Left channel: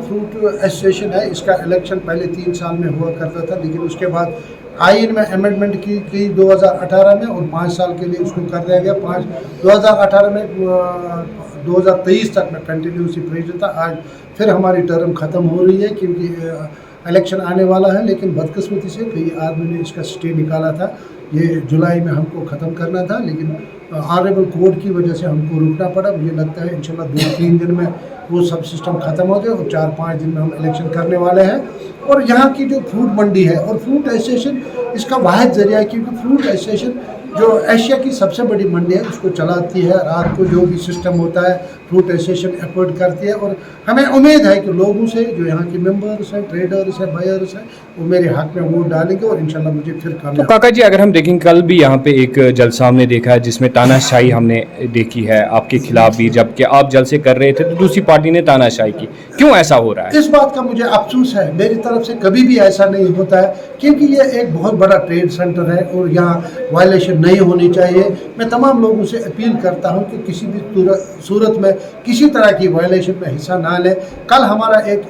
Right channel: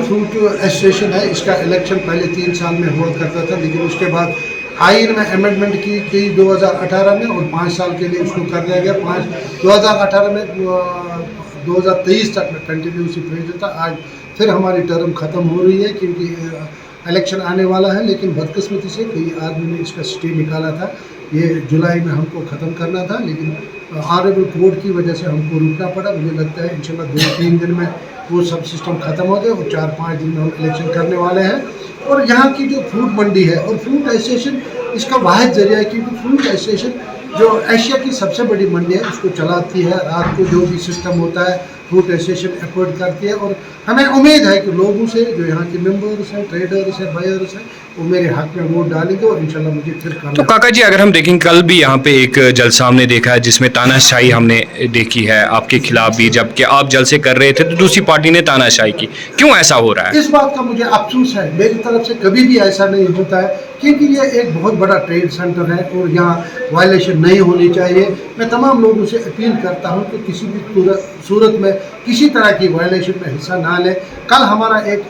जो fruit association है इसका इलेक्शन पहले 3 साल में हुआ करता था, लेकिन उसके बाद आइन में अमेंडमेंट की 2018 में और 5 साल के लिए उसको कर दिया गया। 2018 में 2023 तक मैं कंटिन्यूसली प्रेसिडेंट था। आज फिर हमारी टर्म ख़त्म हो रही है क्योंकि इलेक्शन आने वाला है, लेकिन बदकिस्मती से कई आदमी ने इसका स्टे निकाला था। ये जुलाई में हमको ख़त्म करना था, लेकिन ऑनरेबल कोर्ट की वजह से हमको रुकना पड़ा। मुझे लगता है इंशाल्लाह 2-3 दिन में वो सब सिस्टम ख़त्म हो जाए और 4-5 दिन में हम इलेक्शन करने वाले हैं। और यहाँ की जो फ्रूट मंडी है और फ्रूट एसोसिएशन इसका वाहिद ज़रिया है, क्योंकि फ्रूट एसोसिएशन जो एशिया की सबसे बड़ी मंडी है उसको चलाती है। रात को जो भी सिस्टम होता है फ्रूट एसोसिएशन एफर्ट करती है, और हमें उम्मीद है कि लोगों से जो यहाँ के मेंबर्स हैं, ट्रेडर्स हैं, बायर्स हैं, वो मेरे हक में वोट डालेंगे और इंशाल्लाह मुझे फिर काम। तो काका जी, अगर हम देखें कल भी यहाँ पे एक जलसा हमने देखा है जिसमें तानाशाही हमने देखी है आपके खिलाफ भी, जबकि आप जलसे कर रहे थे तो दूसरी पार्टी ने तानाशाही की। क्यों ऐसा हो रहा है? इस बात का मुझे अफसोस है। मेरी तरफ से कभी भी ऐसा नहीं होता है, क्योंकि ये एक बहुत बड़ा ट्रेड सेंटर है और यहाँ वायलेशन नहीं होनी चाहिए। मैं तमाम लोगों से अपील करता हूँ कि किसी भी सूरत में किसी तरह की वायलेशन में हिस्सा ना लें। कल हमारा एक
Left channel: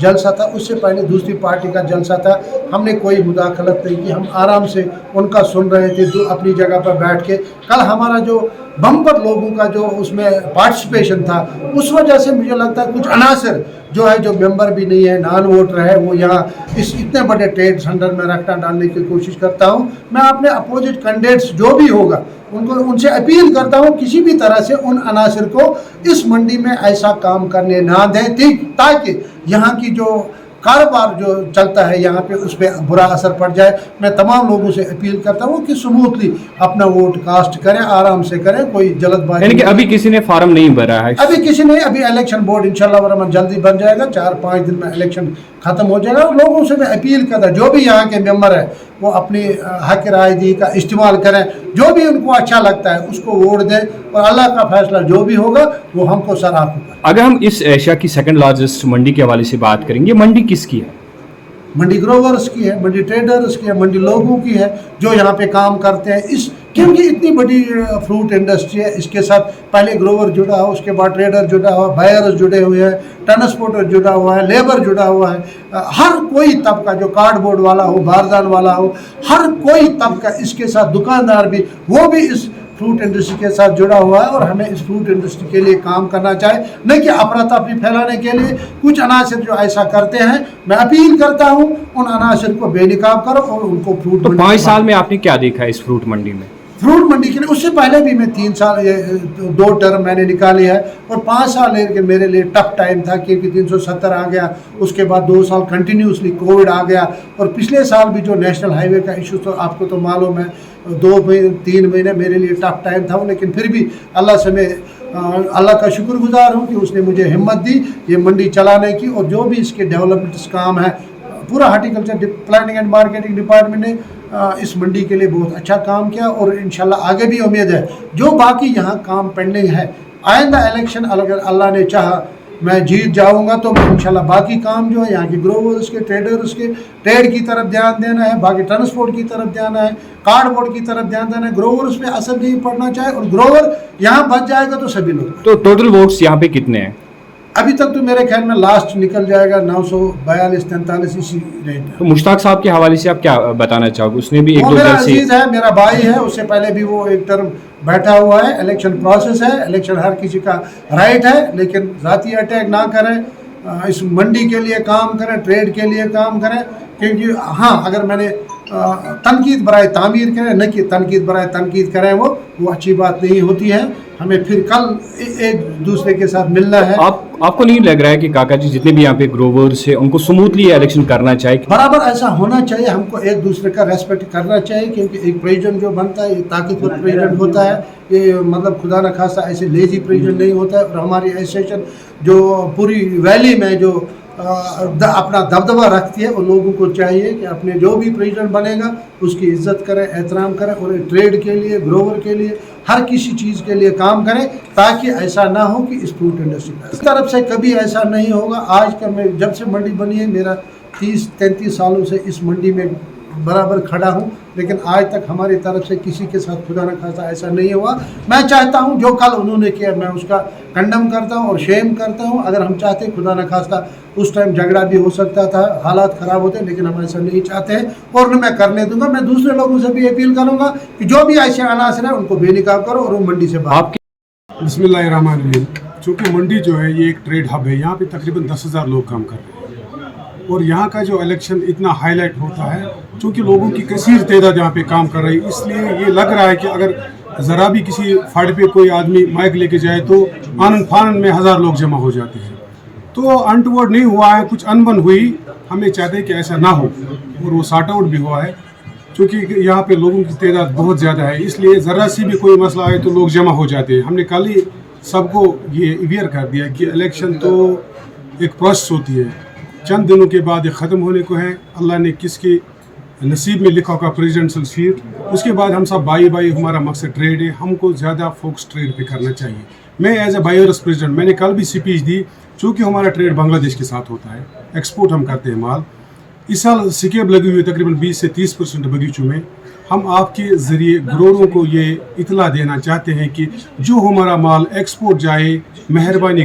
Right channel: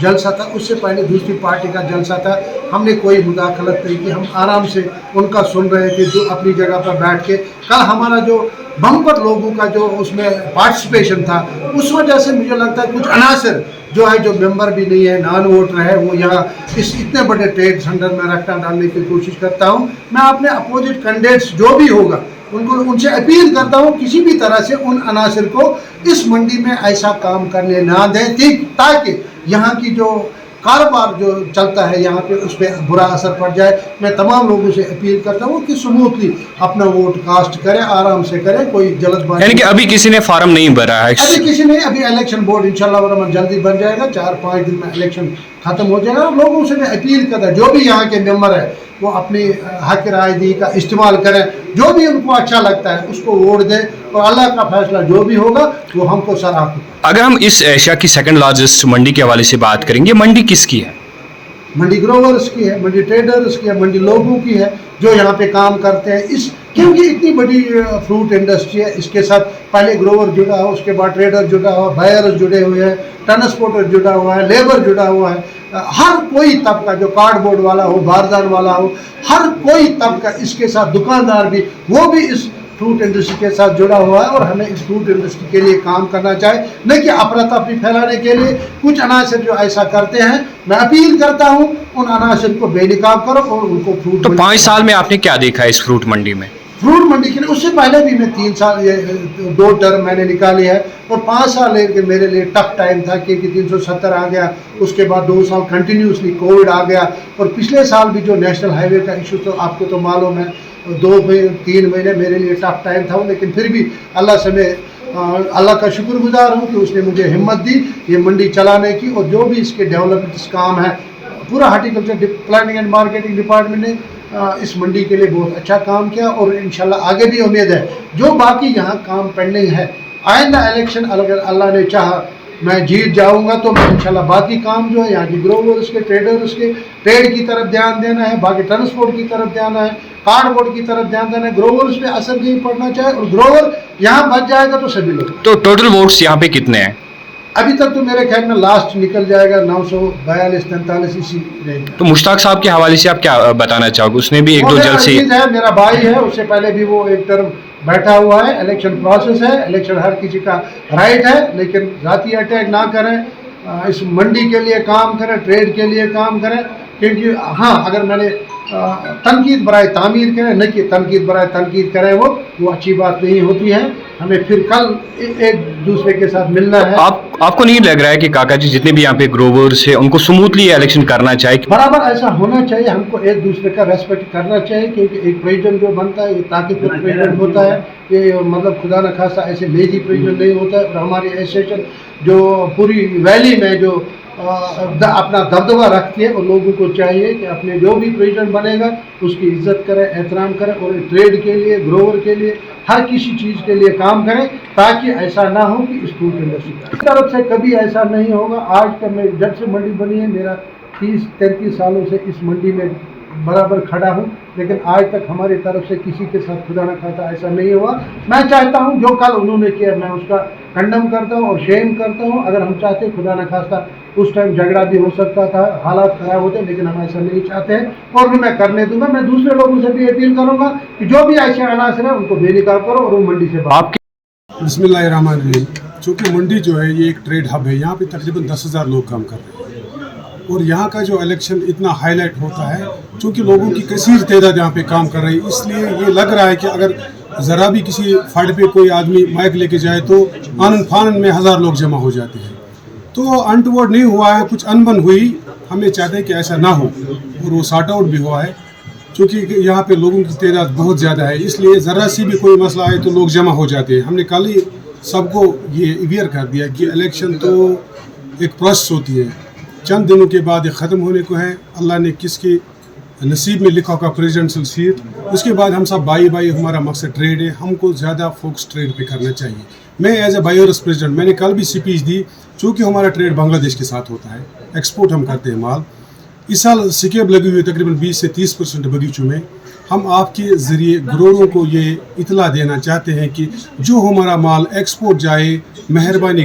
जलसा था, उससे पहले दूसरी पार्टी का जलसा था, हमने कोई मुदाखलत नहीं की, हम आराम से उनका सुन रहे थे जो अपनी जगह पर बैठ के। कल हमारा जो बम्पर लोगों का जो उसमें पार्टिसिपेशन था, उस वजह से मुझे लगता है कुछ अनासर जो है, जो मेंबर भी नहीं है, नॉन वोटर है, वो यहाँ इस इतने बड़े ट्रेड सेंटर में रखना डालने की कोशिश करता हूँ। मैं अपने अपोजिट कैंडिडेट्स जो भी होगा उनसे अपील करता हूँ किसी भी तरह से उन अनासर को इस मंडी में ऐसा काम करने ना दें, ताकि यहाँ की जो कारोबार जो चलता है यहाँ पे उस पर बुरा असर पड़ जाए। मैं तमाम लोगों से अपील करता हूँ कि स्मूथली अपना वोट कास्ट करें, आराम से करें, कोई जल्दबाजी। यानी कि अभी किसी ने फार्म नहीं भरा है? अभी किसी ने, अभी इलेक्शन बोर्ड इंशाल्लाह जल्दी बन जाएगा, 4-5 दिन में इलेक्शन खत्म हो जाएगा। लोगों से मैं अपील करता, जो भी यहाँ के मेंबर है वो अपनी हक राय का इस्तेमाल करें, जो भी उनको अच्छा लगता है उसको वोट दें और अल्लाह का फैसला जो भी होगा वो हमको सराहना होगा। अगर हम इस एशिया की सेकंड लार्जेस्ट मंडी के हवाले से बात करेंगे, मंडी किसकी है? मंडी ग्रोवर्स की है, मंडी ट्रेडर्स की है, मंडी लोगों की है जो यहाँ पे काम करते हैं। इस क्योंकि इतनी बड़ी फ्रूट इंडस्ट्री है, इसके साथ पहले ग्रोवर जुड़ा हुआ, उसके बाद ट्रेडर जुड़ा हुआ, बायर्स जुड़े हुए हैं, ट्रांसपोर्टर जुड़ा हुआ है, लेबर जुड़ा हुआ है। हर कोई तबका, जो कार्डबोर्ड वाला हो, बारदान वाला हो, हर कोई तबका इसके साथ, दुकानदार भी, वो भी इस फ्रूट इंडस्ट्री के साथ जुड़ा हुआ है। और हमें इस फ्रूट इंडस्ट्री के लिए काम करना चाहिए, न कि अफरा तफरी फैलाने के लिए। कुछ अनासर जो ऐसा करते हैं, मैं अपील करता हूँ उन अनासर को बेनकाब करो और उनको फ्रूट। तो 5 साल में आपने क्या देखा है इस फ्रूट मंडी में? फ्रूट मंडी के लिए उससे पहले भी मैं 3 साल 2 टर्म मैंने निकाली है, और 5 साल मेरे लिए टफ टाइम था क्योंकि 370 आ गया, उसके बाद 2 साल कंटिन्यूसली कोविड आ गया, और पिछले साल भी जो नेशनल हाईवे का इशू तो आपको तो मालूम है, 2-3 महीने मेरे लिए टफ टाइम था। लेकिन फिर भी अल्लाह से मैं अल्लाह का शुक्रगुजार हूँ कि उसने मुझे हिम्मत दी ये मंडी चलाने की। और जो भी इसके डेवलपमेंट काम है, पूरा horticulture planning and marketing department ने इस मंडी के लिए बहुत अच्छा काम किया, और इंशाल्लाह आगे भी उम्मीद है जो बाकी यहाँ काम पेंडिंग है, आइंदा इलेक्शन अगर अल्लाह ने चाहा मैं जीत जाऊंगा तो मैं इंशाल्लाह बाकी काम जो है यहाँ के ग्रोवर्स के, ट्रेडर्स के, ट्रेड की तरफ ध्यान देना है, बाकी ट्रांसपोर्ट की तरफ ध्यान है, कार्डबोर्ड की तरफ ध्यान देना है। ग्रोवर्स पे असर नहीं पड़ना चाहिए, और ग्रोवर यहाँ बच जाएगा तो सभी लोग। तो टोटल वोट्स यहाँ पे कितने हैं? अभी तक तो मेरे ख्याल में लास्ट निकल जाएगा 942-43 इसी रेंज। तो मुश्ताक साहब के हवाले से आप क्या बताना चाहोगे? उसने भी 1-2 जलसे है, मेरा भाई है, उससे पहले भी वो एक टर्म बैठा हुआ है। इलेक्शन प्रोसेस है, इलेक्शन हर किसी का राइट है, लेकिन ज़ाती अटैक ना करें, इस मंडी के लिए काम करें, ट्रेड के लिए काम करें। क्योंकि हाँ, अगर मैंने तनकीद बराए तामीर करें, न कि तनकीद बराए तनकीद करें, वो अच्छी बात नहीं होती है। हमें फिर कल एक दूसरे के साथ मिलना है। आपको नहीं लग रहा है कि काका जी जितने भी यहाँ पे ग्रोवर्स है उनको स्मूथली इलेक्शन करना चाहिए? बराबर ऐसा होना चाहिए, हमको एक दूसरे का रेस्पेक्ट करना चाहिए, क्योंकि एक प्रेसिडेंट जो बनता है ये ताकतवर प्रेसिडेंट होता है, ये मतलब खुदा न खास्ता ऐसे लेजी प्रेसिडेंट नहीं होता है। और हमारी एसोसिएशन जो पूरी वैली में जो अपना दबदबा रखती है, और लोगों को चाहिए कि अपने जो भी प्रेसिडेंट बनेगा उसकी इज्जत करें, एहतराम करें, और ट्रेड के लिए, ग्रोवर के लिए, हर किसी चीज़ के लिए काम करें, ताकि ऐसा ना हो कि इस फ्रूट इंडस्ट्री की तरफ से कभी ऐसा नहीं होगा। आज का मैं जब से मंडी बनी है, मेरा 30-33 सालों से इस मंडी में बराबर खड़ा हूँ, लेकिन आज तक हमारी तरफ से किसी के साथ खुदा न खास्ता ऐसा नहीं हुआ। मैं चाहता हूँ जो कल उन्होंने किया मैं उसका कंडम करता हूँ और शेम करता हूँ। अगर हम चाहते खुदा न खास्ता उस टाइम झगड़ा भी हो सकता था, हालात ख़राब होते, लेकिन हम ऐसा नहीं चाहते हैं और उन्हें मैं करने दूंगा। मैं दूसरे लोगों से भी अपील करूँगा कि जो भी ऐसे अनासर हैं उनको बेनिकाब करो और वो मंडी से बाहर। बिस्मिल्लाहिर्रहमानिर्रहीम। चूँकि मंडी जो है ये एक ट्रेड हब है, यहाँ पे तकरीबन 10,000 लोग काम कर रहे हैं और यहाँ का जो इलेक्शन इतना हाईलाइट होता है, चूँकि लोगों की कसीर तादाद यहाँ पे काम कर रही है, इसलिए ये लग रहा है कि अगर ज़रा भी किसी फाड़ पे कोई आदमी माइक लेके जाए तो आनन फानन में 1000 लोग जमा हो जाते हैं। तो अनटुवर्ड नहीं हुआ है, कुछ अनबन हुई, हमें चाहते हैं कि ऐसा ना हो और वो सॉर्ट आउट भी हुआ है। क्योंकि यहाँ पे लोगों की तादाद बहुत ज़्यादा है, इसलिए ज़रा सी भी कोई मसला आए तो लोग जमा हो जाते हैं। हमने कल ही सबको ये अवेयर कर दिया कि इलेक्शन तो एक प्रोसेस होती है, चंद दिनों के बाद ये ख़त्म होने को है। अल्लाह ने किसके नसीब में लिखा होगा प्रेसिडेंशियल सीट, उसके बाद हम सब भाई भाई, हमारा मकसद ट्रेड है, हमको ज़्यादा फोकस ट्रेड पे करना चाहिए। मैं एज ए बायर्स प्रेसिडेंट मैंने कल भी स्पीच दी, चूँकि हमारा ट्रेड बांग्लादेश के साथ होता है, एक्सपोर्ट हम करते हैं माल। इस साल सिकेब लगी हुई तकरीबन 20 से 30% बगीचों में। हम आपके ज़रिए ग्रोरों को ये इतला देना चाहते हैं कि जो हमारा माल एक्सपोर्ट जाए, मेहरबानी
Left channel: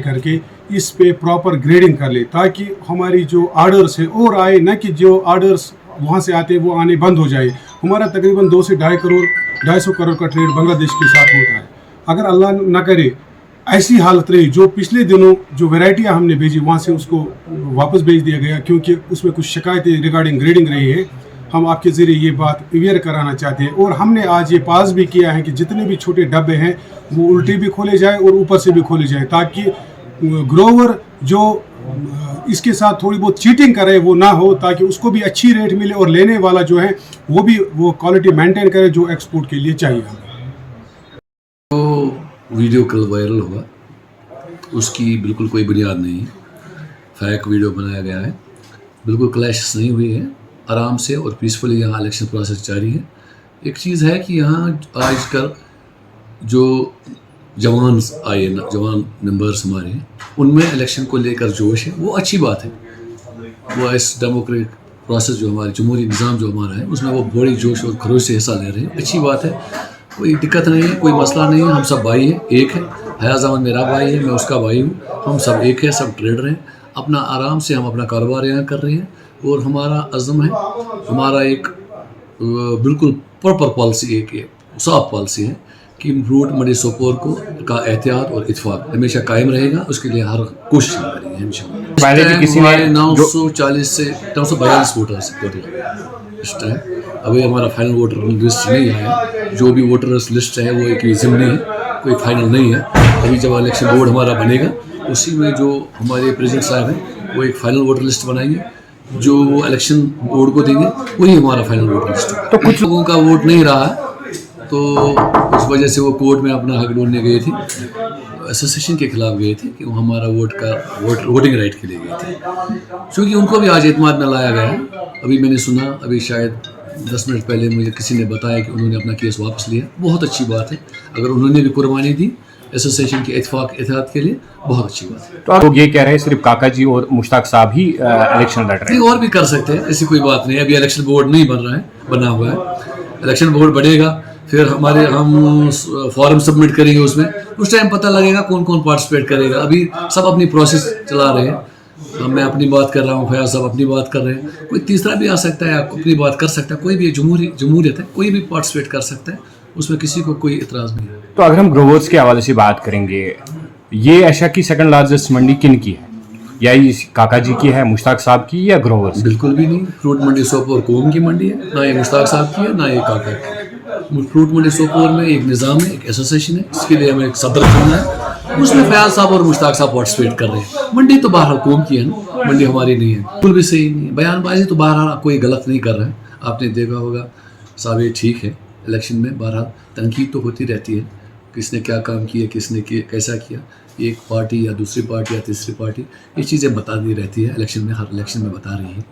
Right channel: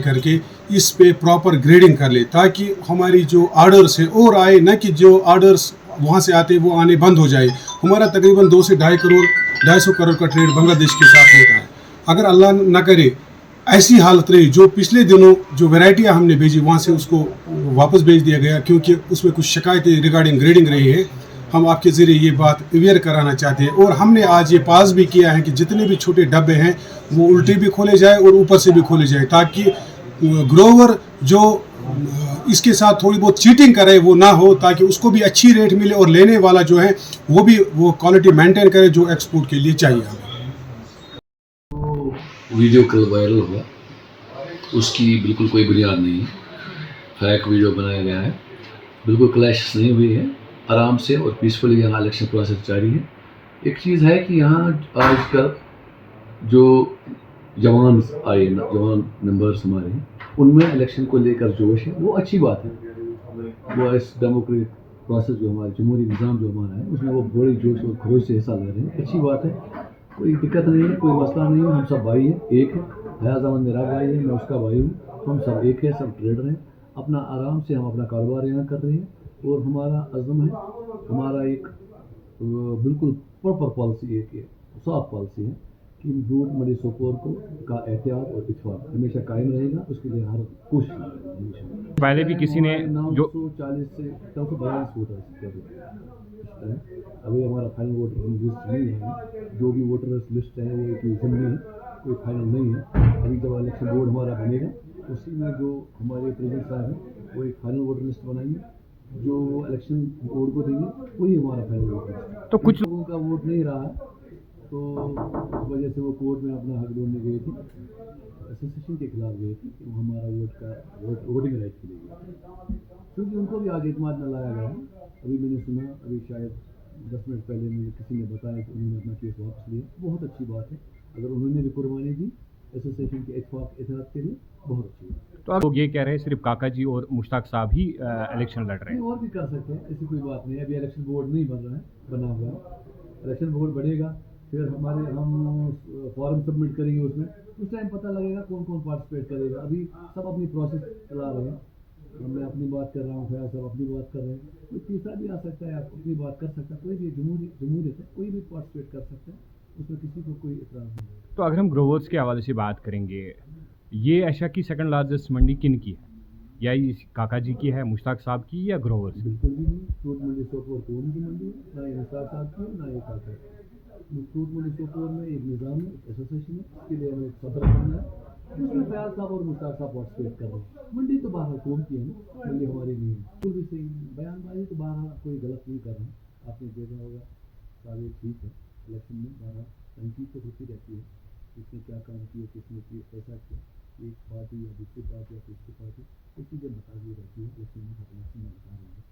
करके इस पे प्रॉपर ग्रेडिंग कर ले, ताकि हमारी जो आर्डर्स है और आए, न कि जो आर्डर्स वहाँ से आते वो आने बंद हो जाए। हमारा तकरीबन 2 से 250 करोड़ का ट्रेड बांग्लादेश के साथ होता है। अगर अल्लाह न करे ऐसी हालत रही, जो पिछले दिनों जो वैरायटियाँ हमने भेजी वहाँ से उसको वापस भेज दिया गया, क्योंकि उसमें कुछ शिकायतें रिगार्डिंग ग्रेडिंग रही है। हम आपके ज़रिए ये बात अवेयर कराना चाहते हैं और हमने आज ये पास भी किया है कि जितने भी छोटे डब्बे हैं वो उल्टे भी खोले जाए और ऊपर से भी खोले जाए, ताकि ग्रोवर जो इसके साथ थोड़ी बहुत चीटिंग करे वो ना हो, ताकि उसको भी अच्छी रेट मिले और लेने वाला जो है वो भी वो क्वालिटी मेंटेन करे जो एक्सपोर्ट के लिए चाहिए हमें। वीडियो कल वायरल हुआ, उसकी बिल्कुल कोई बुनियाद नहीं है, फेक वीडियो बनाया गया है, बिल्कुल क्लैश नहीं हुई है, आराम से और पीसफुली यहाँ इलेक्शन प्रोसेस जारी है। एक चीज़ है कि यहाँ आजकल जो जवान आए, जवान मेंबर्स हमारे हैं, उनमें इलेक्शन को लेकर जोश है, वो अच्छी बात है। वो इस डेमोक्रेटिक प्रोसेस जो हमारे जमहूरी निज़ाम जो हमारा है उसमें वो बड़ी जोश और खरोश से हिस्सा ले रहे हैं, अच्छी बात है, कोई दिक्कत नहीं है, कोई मसला नहीं है। हम सब भाई हैं, एक है, हयाज अहमद मेरा भाई है, मैं उसका भाई हूँ, हम सब एक है, सब ट्रेडर हैं, अपना आराम से हम अपना कारोबार यहाँ कर रहे हैं और हमारा अज़म है, हमारा एक बिल्कुल प्रॉपर पॉलिसी, एक साफ पॉलिसी है कि फ्रूट मंडी सोपोर को का एहतियात और इत्फाक हमेशा कायम रहेगा, उसके लिए हर कोशिश करेंगे इंशाअल्लाह। पहले भी किसी ने 940 से 942 वोटर्स टोटल इस टाइम। अभी हमारा फाइनल वोटर लिस्ट नहीं आया, जो भी वोटर्स लिस्ट है वो एक ज़िमनी है, कोई फाइनल नहीं है। अभी जब इलेक्शन बोर्ड हमारा बनेगा उसी में जो हमारे प्रेसिडेंट साहब हैं वो एक फाइनल वोटर लिस्ट बनाएंगे, जो वो इलेक्शन बोर्ड को देंगे, वही हमारा फाइनल वोटर लिस्ट है। तो कुछ लोगों का वोट नहीं रहा, तो उस वजह से वो कोर्ट में अपना हक ढूंढने गए थे, एसोसिएशन के खिलाफ गए थे कि वो हमारा वोटिंग राइट के लिए गए थे, क्योंकि उनको भी आज एतमाद में लाया गया। अभी मैंने सुना, अभी शायद 10 मिनट पहले मुझे किसी ने बताया कि उन्होंने अपना केस वापस लिया, बहुत अच्छी बात है। अगर उन्होंने भी कुर्बानी दी एसोसिएशन के एहतियात के लिए, बहुत अच्छी बात है। तो आप लोग ये कह रहे हैं सिर्फ काका जी और मुश्ताक साहब ही इलेक्शन लड़ रहे हैं? और भी कर सकते हैं, ऐसी कोई बात नहीं है। अभी इलेक्शन बोर्ड नहीं बना हुआ है, इलेक्शन बोर्ड बनेगा, फिर हम फॉर्म सबमिट करेंगे, उसमें उस टाइम पता लगेगा कौन कौन पार्टिसिपेट करेगा। अभी सब अपनी प्रोसेस चला रहे हैं, मैं अपनी बात कर रहा हूँ, फयाज साहब अपनी बात कर रहे हैं, कोई तीसरा भी आ सकता है, अपनी बात कर सकता है, कोई भी जमहूरियत है, कोई भी पार्टिसिपेट कर सकता है, उसमें किसी को कोई इतराज़ नहीं है। तो अगर हम ग्रोवर्स के हवाले से बात करेंगे, ये एशिया की सेकंड लार्जेस्ट मंडी किन की है? या ये काका जी की है, मुश्ताक साहब की, या ग्रोवर्स? बिल्कुल भी नहीं, फ्रूट मंडी सोपोर कौम की मंडी है, ना ये मुश्ताक साहब की है ना ये काका की। फ्रूट मंडी सोपोर में एक निज़ाम है, एक एसोसिएशन है, इसके लिए हमें एक सदर चुनना है, उसमें फयाज साहब और मुश्ताक साहब पार्टिसिपेट कर रहे हैं। मंडी तो बहरहाल कौम की है ना, मंडी हमारी नहीं है, बिल्कुल भी सही नहीं है। बयानबाजी तो बहरहाल कोई गलत नहीं कर रहा है, आपने देखा होगा साहब, ये ठीक है। इलेक्शन में बहरहाल तनकीद तो होती रहती है, किसने क्या काम किया, किसने कैसा किया, एक पार्टी या दूसरी पार्टी या तीसरी पार्टी ये चीज़ें बताती रहती है इलेक्शन में, हर इलेक्शन में बता रही है।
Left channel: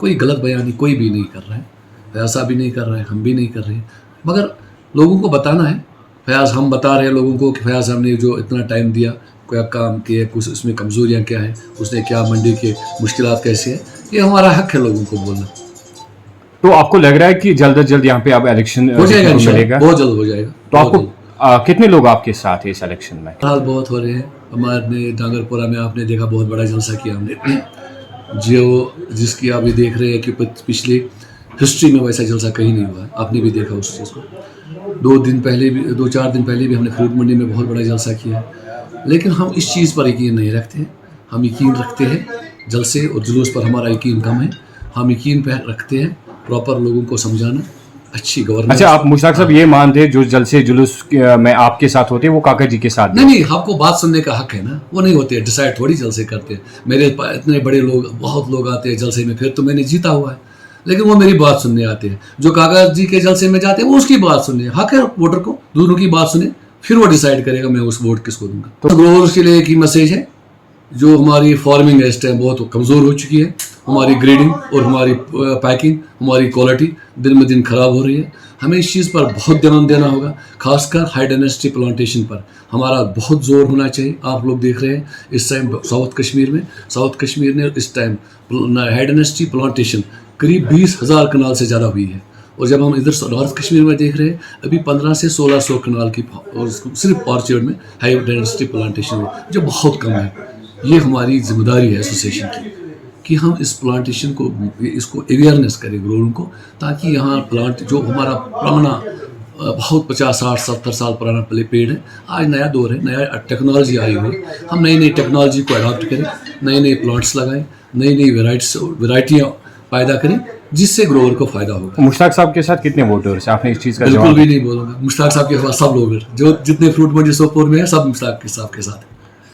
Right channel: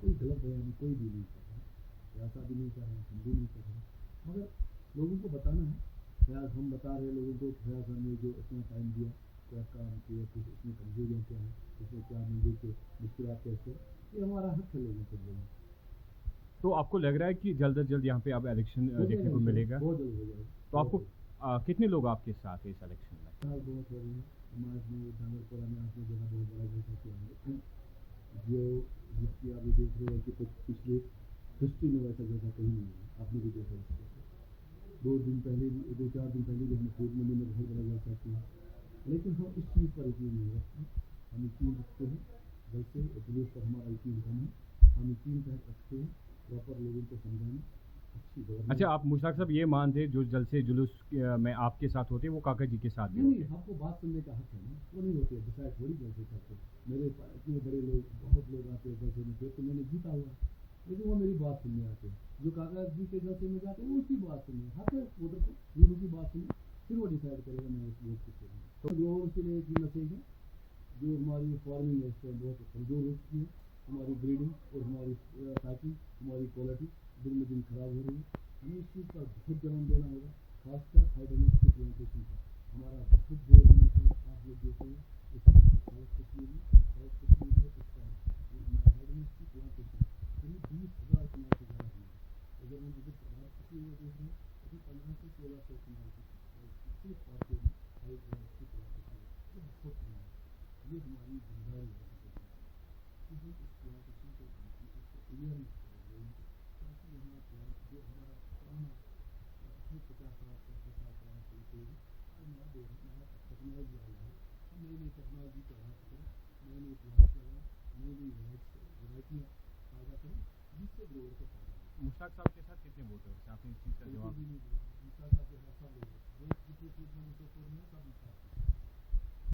कोई गलत बयानी कोई भी नहीं कर रहा है, फयाज साहब भी नहीं कर रहे हैं, हम भी नहीं कर रहे हैं, मगर लोगों को बताना है। फयाज हम बता रहे हैं लोगों को कि फयाज साहब ने जो इतना टाइम दिया, क्या काम किया, कुछ उसमें कमज़ोरियाँ क्या हैं, उसने क्या मंडी के मुश्किलात कैसे हैं, ये हमारा हक है लोगों को बोलना। तो आपको लग रहा है कि जल्द अज जल्द यहाँ पे अब इलेक्शन हो जाएगा देखने को इंशाल्लाह, मिलेगा? बहुत जल्द हो जाएगा। तो आपको बहुत जल्द। कितने लोग आपके साथ हैं इस इलेक्शन में? हाल बहुत हो रहे हैं। हमारे डांगरपुरा में आपने देखा बहुत बड़ा जलसा किया हमने जो जिसकी आप ये देख रहे हैं कि पिछली हिस्ट्री में वैसा जलसा कहीं नहीं हुआ है। आपने भी देखा उस चीज़ को। 2-4 दिन पहले भी हमने फ्रूट मंडी में बहुत बड़ा जलसा किया। लेकिन हम इस चीज़ पर यकीन नहीं रखते हैं। हम यकीन रखते हैं जलसे और जुलूस पर हमारा यकीन कम है। हम यकीन पे रखते हैं प्रॉपर लोगों को समझाना, अच्छी गवर्नेंस। अच्छा, आप मुश्ताक साहब ये मानते हैं जो जलसे जुलूस में आपके साथ होते हैं वो काका जी के साथ भी? नहीं, आपको बात सुनने का हक है ना। वो नहीं होते, डिसाइड थोड़ी जलसे करते हैं। मेरे इतने बड़े लोग, बहुत लोग आते हैं जलसे में, फिर तो मैंने जीता हुआ है, लेकिन वो मेरी बात सुनने आते हैं। जो काका जी के जलसे में जाते हैं वो उसकी बात सुनने, हक है वोटर को, दोनों की बात सुने, फिर वो डिसाइड करेगा मैं उस वोट किसको दूंगा। तो ग्रोवर्स के लिए एक ही मैसेज है, जो हमारी फार्मिंग है इस टाइम बहुत कमज़ोर हो चुकी है। हमारी ग्रेडिंग और हमारी पैकिंग, हमारी क्वालिटी दिन में दिन ख़राब हो रही है। हमें इस चीज़ पर बहुत ध्यान देना होगा, खासकर हाई डेंसिटी प्लांटेशन पर हमारा बहुत ज़ोर होना चाहिए। आप लोग देख रहे हैं इस टाइम साउथ कश्मीर ने इस टाइम हाई डेंसिटी प्लांटेशन करीब 20,000 कनाल से ज़्यादा हुई है। और जब हम इधर नॉर्थ कश्मीर में देख रहे हैं अभी 1500 से 1600 कनाल की और सिर्फ ऑर्चर्ड में हाई डेंसिटी प्लांटेशन हुई, जो बहुत कम है। ये हमारी जिम्मेदारी है एसोसिएशन की कि हम इस प्लांटेशन को, इसको अवेयरनेस करें ग्रोअरों को, ताकि यहाँ प्लांट जो हमारा पुराना बहुत 50, 60, 70 साल पुराना पेड़ है, आज नया दौर है, नया टेक्नोलॉजी आई हुई है। हम नई टेक्नोलॉजी को अडॉप्ट करें, नए प्लांट्स लगाएं, नई वैरायटियाँ पैदा करें, जिससे ग्रोअर को फ़ायदा होगा। मुश्ताक साहब के साथ कितने वोटर्स हैं? आपने इस चीज़ का बिल्कुल जवाब भी नहीं बोलूँगा। मुश्ताक साहब के साथ सब लोग हैं, जो जितने फ्रूट मंडी सोपोर में है, सब मुश्ताक साहब के साथ हैं।